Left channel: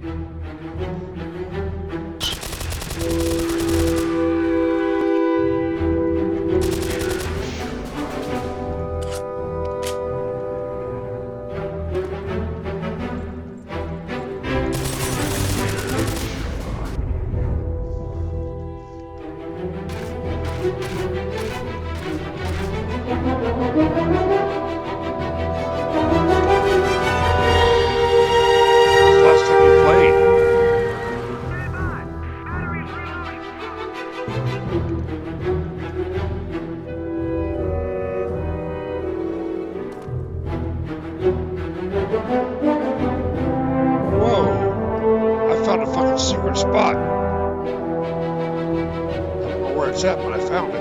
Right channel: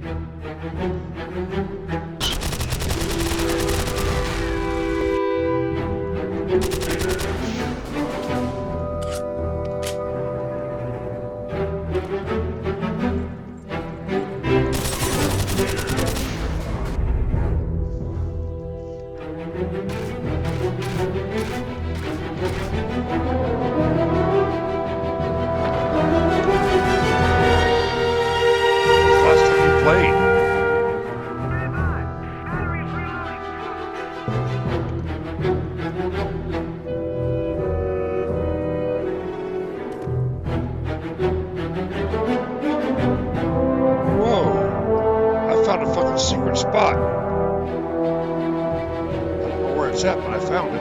Last time you played? Whoa! I found a fucking secret spot. I don't know where it's at, but I found it.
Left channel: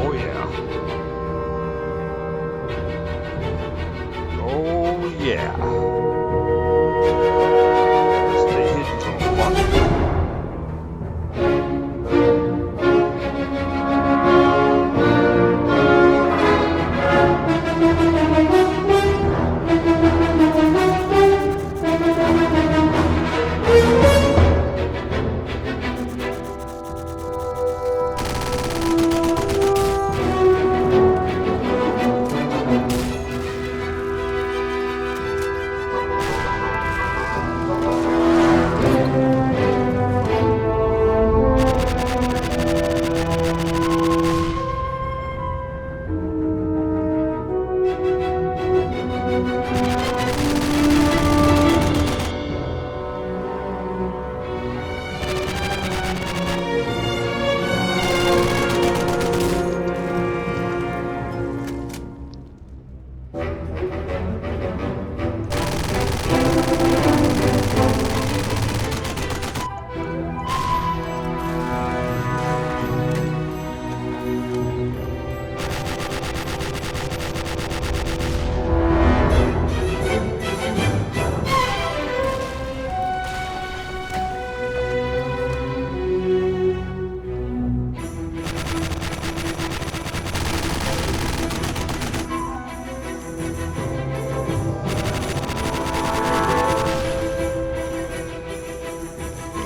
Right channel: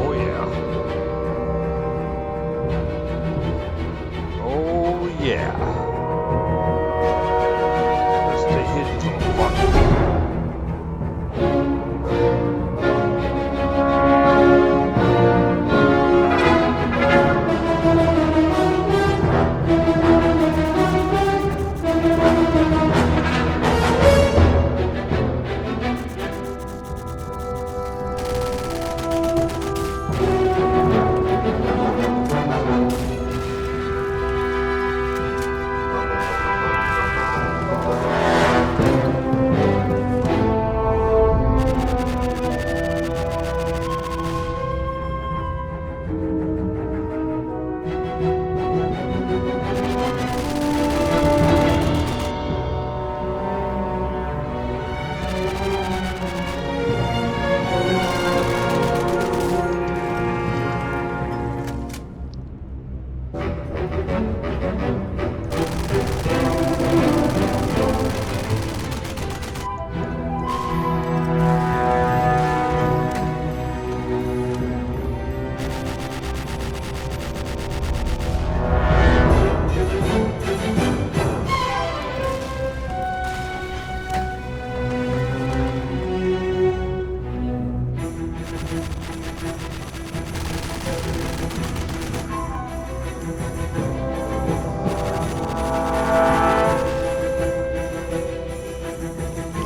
Oh yeah. Oh yeah. Stay hidden, little fuck.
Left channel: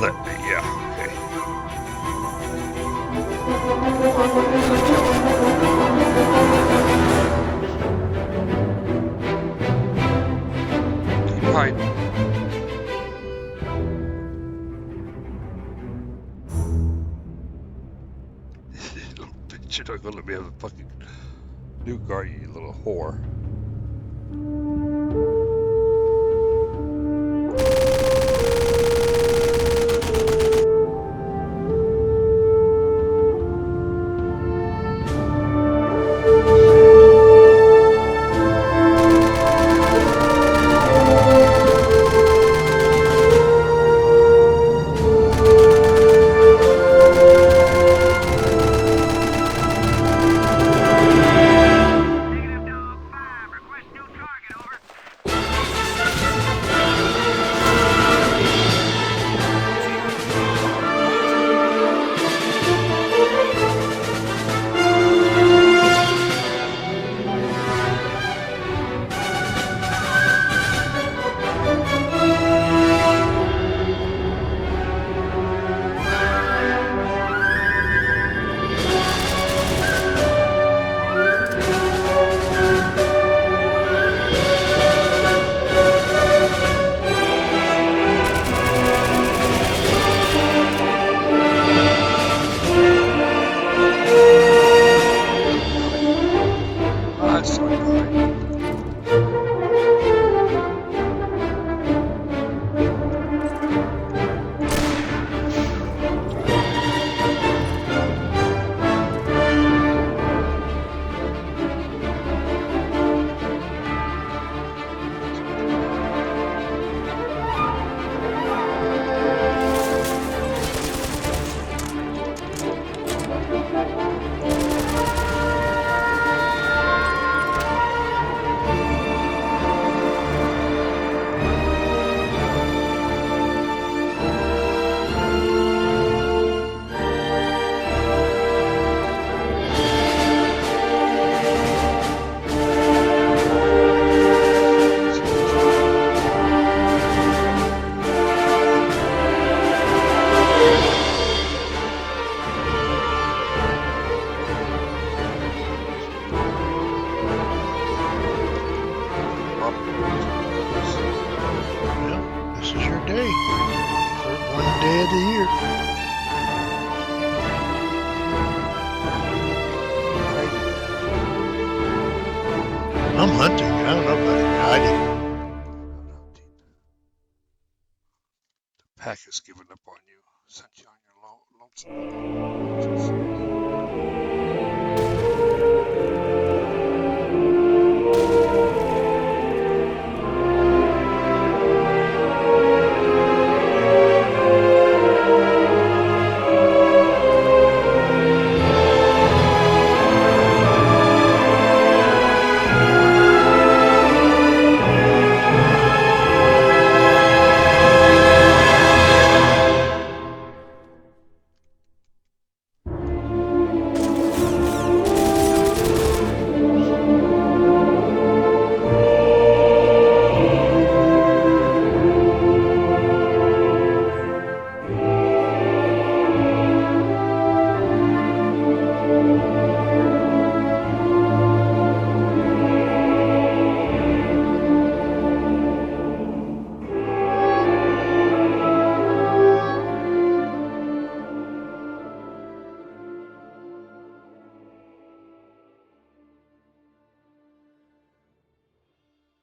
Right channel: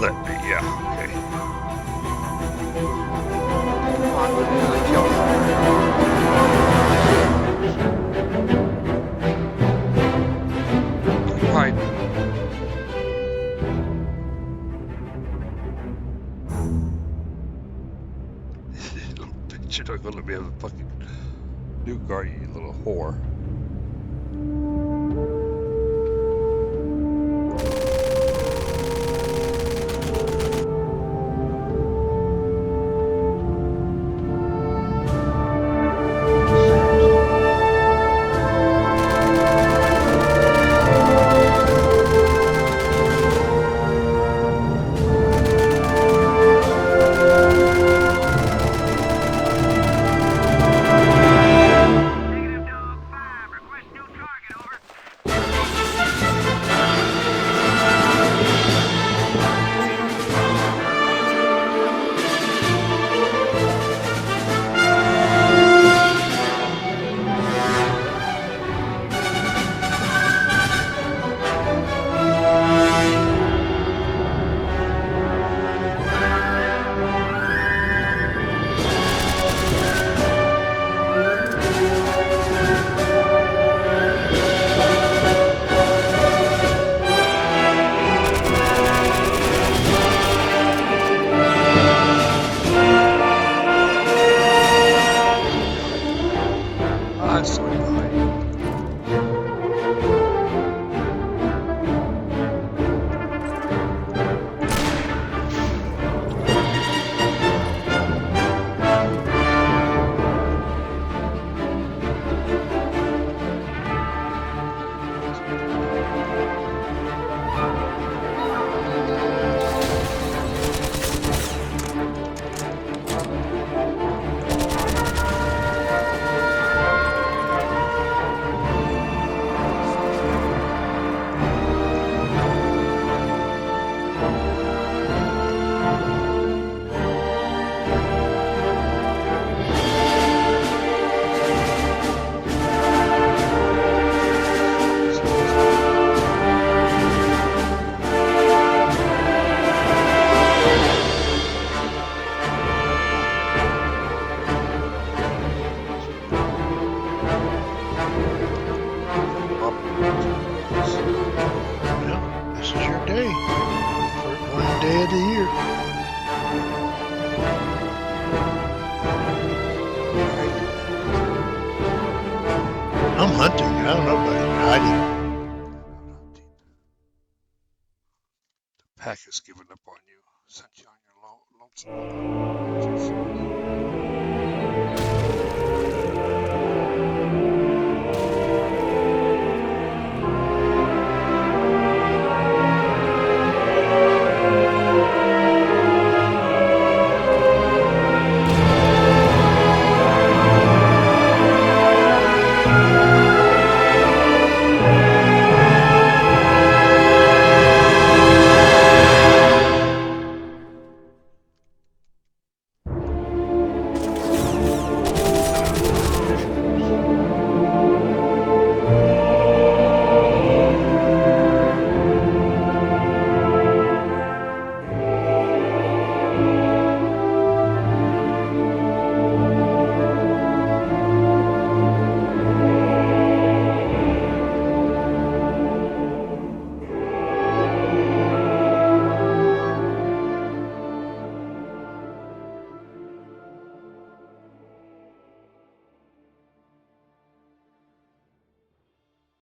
Let me, yeah, okay. Come on, what is it, kill? Keep hiding. Little bitch, you're not gonna let me have a fucking nuke, are you, you little whore? I'm hunting. I don't know about hiding. Out hunting. The pack has given up on you, sent you on your lonesome hunting adventures.